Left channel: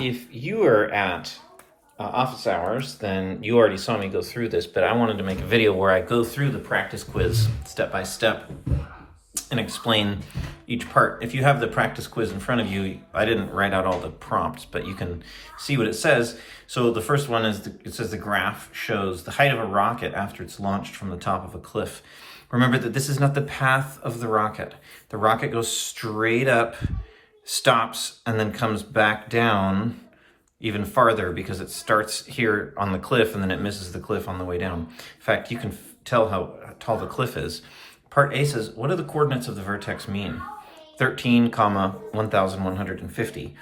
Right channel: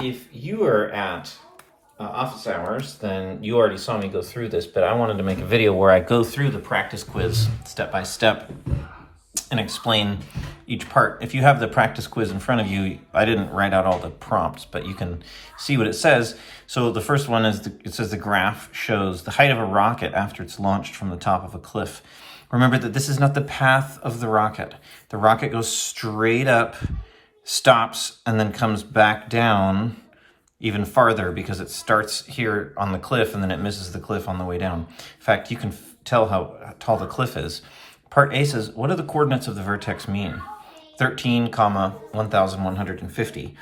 if you are at office hours, then you already saw me go through this, but I wanted to make a video where I go through the practice quiz step by step and explain each part. If you have the practice quiz in front of you, I didn't write out all the prompts, but you can see what it says. So the first one is, it says the graph shows the height of a rocket after it's launched from the top of a cliff. Remember that this is not the path of the rocket. The rocket goes straight up, stops, and then comes back down even farther because it starts here on the cliff and then it misses the cliff on the way down. In fact, you can tell how tall the cliff is. Part A says, what do the coordinates of the vertex mean? 13, 1,150.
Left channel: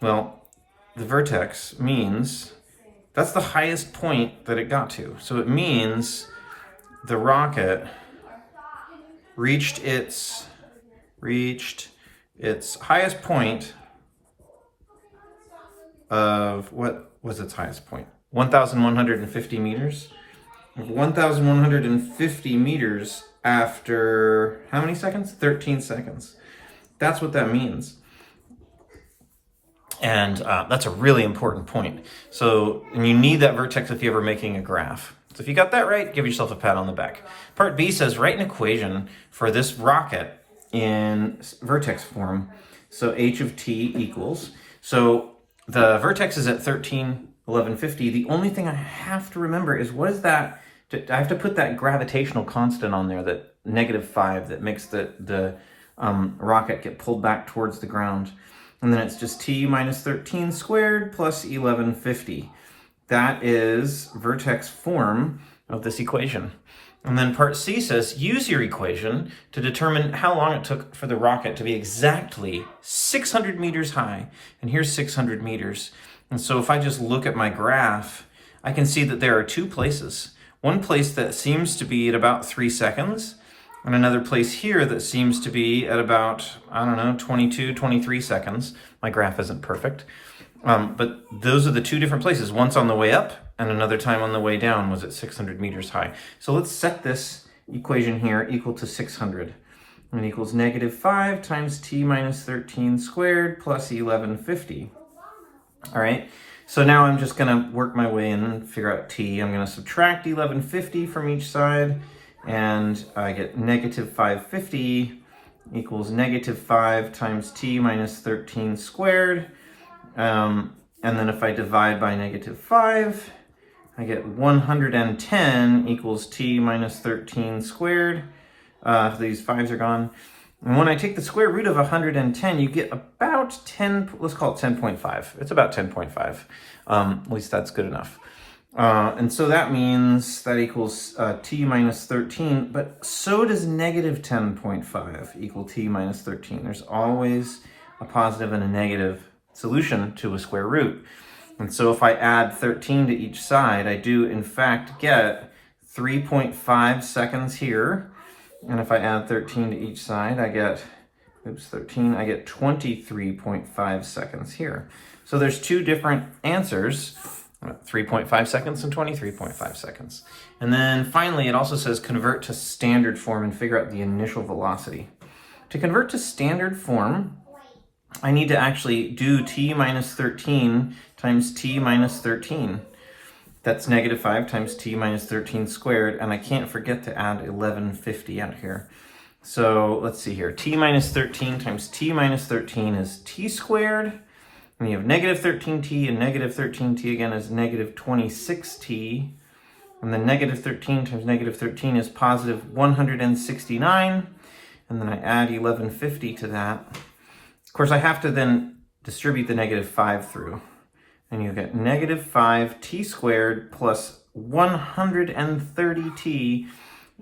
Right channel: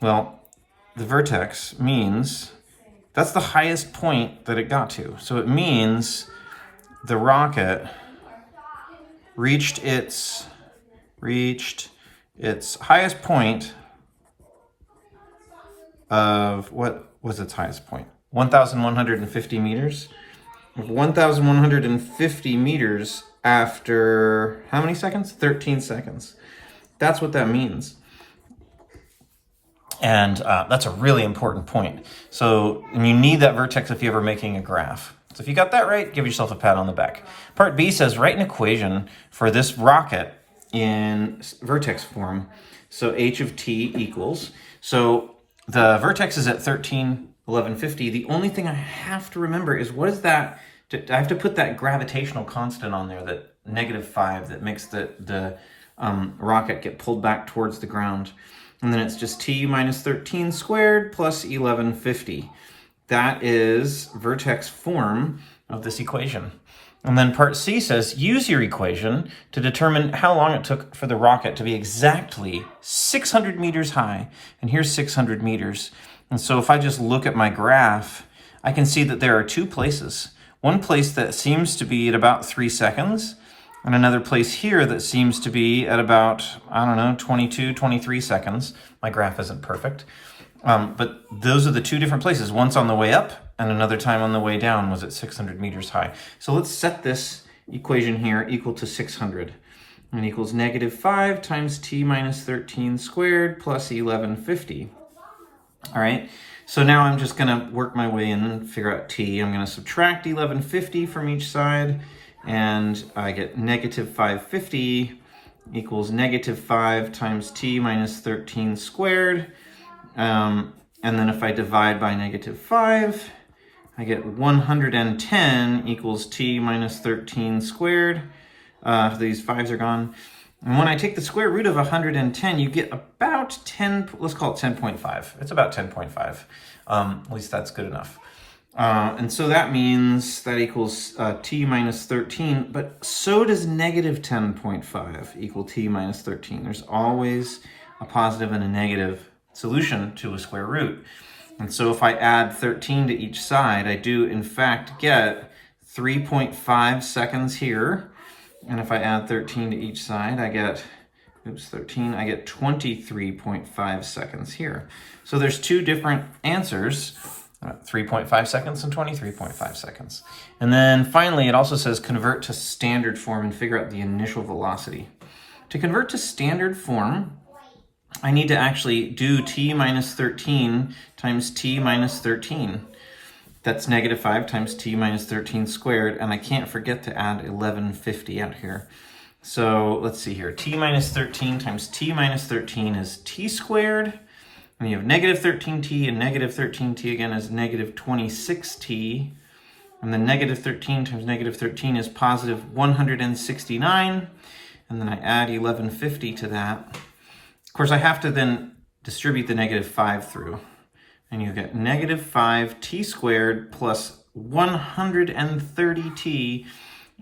Well, the vertex means that's the highest point that it got to. So it means the rocket reached its highest point of, what was its highest point? 1,150 meters. 1,150 meters after how many seconds? 13 seconds. That's what that means. And that's a really important point. So, and you need that vertex if you're ever making a graph. So if you got that right, give yourself a pat on the back. Part B says, write an equation for this rocket in vertex form. So h of t equals, so the vertex is at 13,1150. The only thing I have to remember is what is that? I have to put that gravitational constant on there, that -5 that makes the rocket get pulled back towards the ground. And then it's just t minus 13 squared plus 1150. That is vertex form of this equation. And then part C says, use your equation to determine how long it took for the rocket to be exactly 600 meters high. And here's 600 meters. And so if I just look at my graph, I can see that there are two places. One place that seems to be at about 3 seconds, and another place here that seems to be at about, 22, 23 seconds. My graph isn't perfect. But those are the two different places. Once on the way up, and another time on the way down was at 600 meters high. So let's set this equation here equal to 600. And it equals -5 times t minus 13 squared plus 1150. All right, so now I'm just gonna work my way in and figure out t. I'm gonna subtract 1150 from each side, and I get -550 equals -5 times t minus 13 squared. And then if I divide by -5, I get 110 equals t minus 13 squared. These 5s are gone. And when I take the square root of 110, you get about 10, let's call it 10.5. It's about 10.5. At least that's good enough. And so that means that equals t minus 13, but so does -10.5 equal t minus 13. There's always a positive and a negative solution to a square root. And so if I add 13 to each side, I do in fact get 3.5 seconds here. And if I add 13 to each side, I get, I get 23.5 seconds here. So there's two different answers, 3.5 seconds and 23.5 seconds. And then finally, it also says convert to standard form and figure out the initial velocity. To convert to standard form, I need to actually do t minus 13 times t minus 13. That's -5 times t minus 13 squared, and I can't forget to add 1150 out here. So let's see here. T minus 13 times t minus 13 is t squared. And you have -13t, and -13t again is -26t. And then -13 times -13 is positive 169. And then I add 1150 to that. Of course, I have to then distribute the -5 through. And you get -5t squared plus 130t,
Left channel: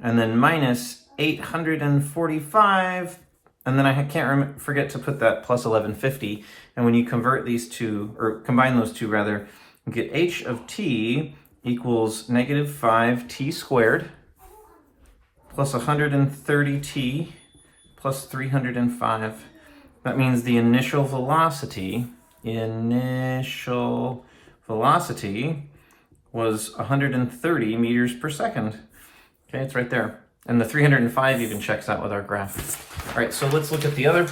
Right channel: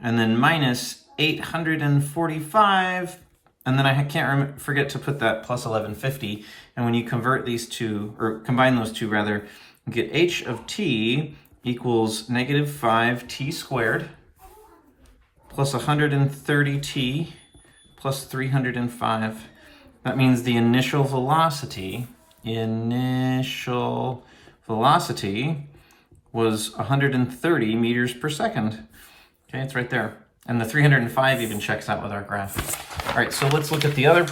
and then minus 845. And then I can't forget to put that plus 1150. And when you convert these two, or combine those two rather, you get h of t equals -5t squared plus 130t plus 305. That means the initial velocity was 130 meters per second. Okay, it's right there. And the 305 even checks out with our graph. All right, so let's look at the other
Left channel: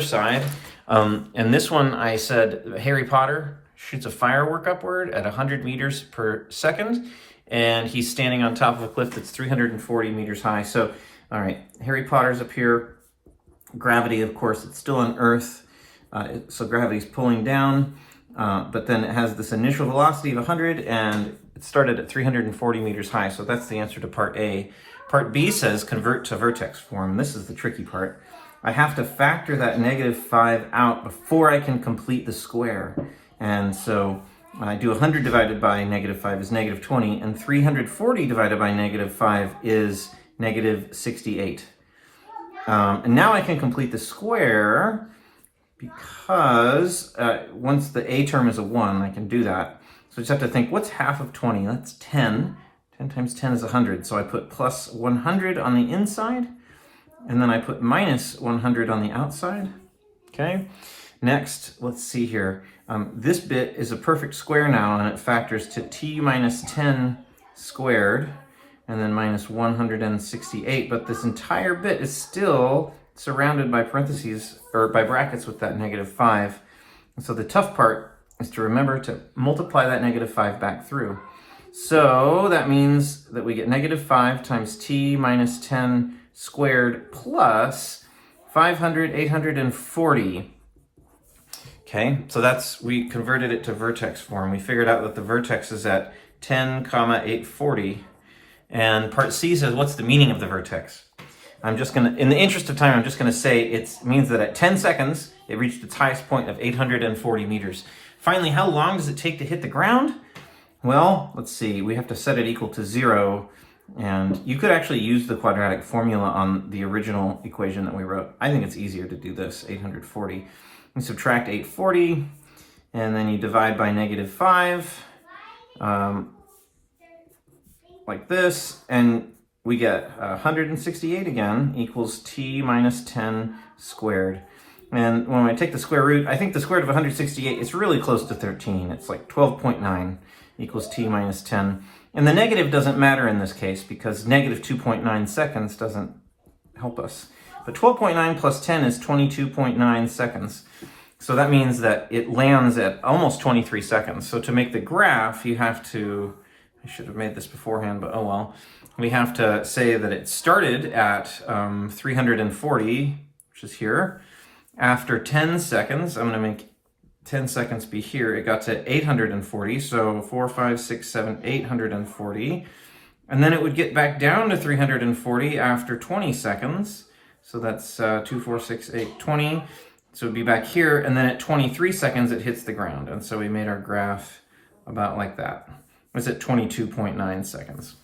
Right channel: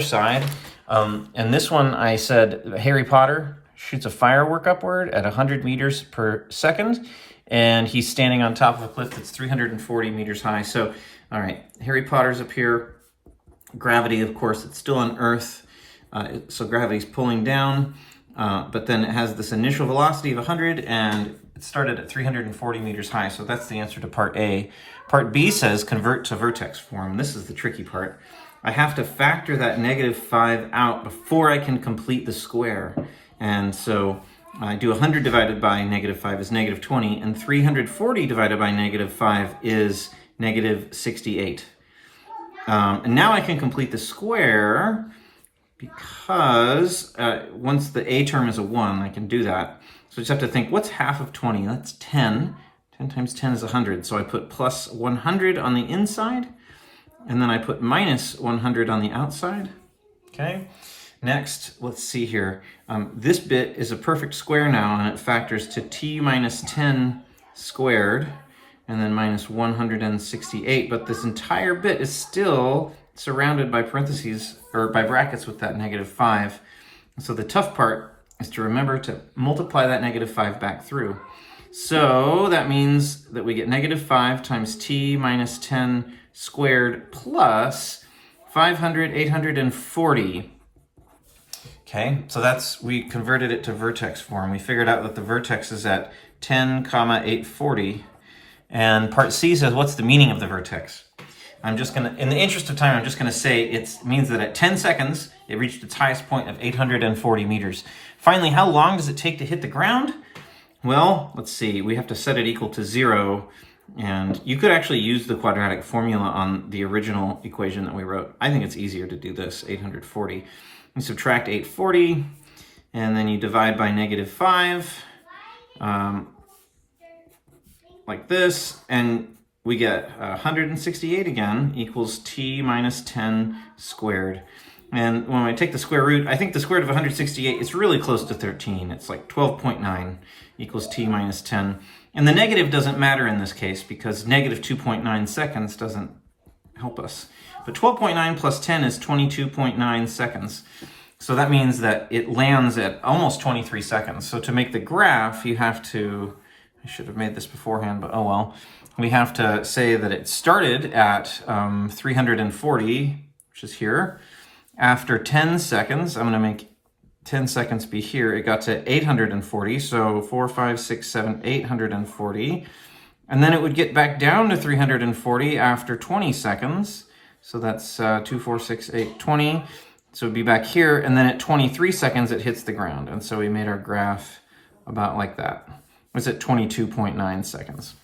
side. And this one, I said Harry Potter shoots a firework upward at 100 meters per second, and he's standing on top of a cliff that's 340 meters high. So, all right, Harry Potter's up here. Gravity, of course, it's still on Earth, so gravity's pulling down, but then it has this initial velocity of 100, and it started at 340 meters high, so that's the answer to part A. Part B says convert to vertex form. This is the tricky part. I have to factor that -5 out before I can complete the square. And so I do 100 divided by -5 is -20, and 340 divided by -5 is -68. And now I can complete the square because once the a term is a 1, I can do that. So I just have to think, what's half of 20? That's 10. 10 times 10 is 100. So I put plus 100 on the inside, and then I put minus 100 on the outside. Okay. Next, let's see here. This bit is a perfect square now, and it factors to t minus 10 squared, and then minus 168, but this entire bit is still surrounded by parentheses, or by brackets with that -5. And so the tough part is to remember to multiply that -5 back through. So that means that we get -5 times t minus 10 squared plus 500, 840. Okay, so we converted it to vertex form. We figured out that the vertex is at 10, 840. And part C says, what's the meaning of the vertex? I'm just going to, in the interest of time, I'm just going to say it means that at 10 seconds, it reached its highest point of 840 meters. Finally, how long does it take to hit the ground? Well, let's see. We have to set it equal to 0. And you could actually use the quadratic formula on the original equation that we wrote. I think it's easier to do this, 840. You subtract 840, and then you divide by -5. Like this, and we get 168 again equals t minus 10 squared. And when I take the square root, I think the square root of 168 is really close to 13. It's like 12.9 equals t minus 10. And the negative doesn't matter in this case because -2.9 seconds doesn't help us. But 12.9 plus 10 is 22.9 seconds. So that means that it lands at almost 23 seconds. So to make the graph, you have to, I should have made this beforehand, but oh well. We have to say that it started at 340, which is here. After 10 seconds, I'm going to make 10 seconds be here. It got to 840, so 4, 5, 6, 7, 840. And then it would get back down to 340 after 20 seconds. So that's 2, 4, 6, 8, 20. So it'd be back here, and then at 23 seconds, it hits the ground. And so we made our graph about like that. It was at 22.9 seconds.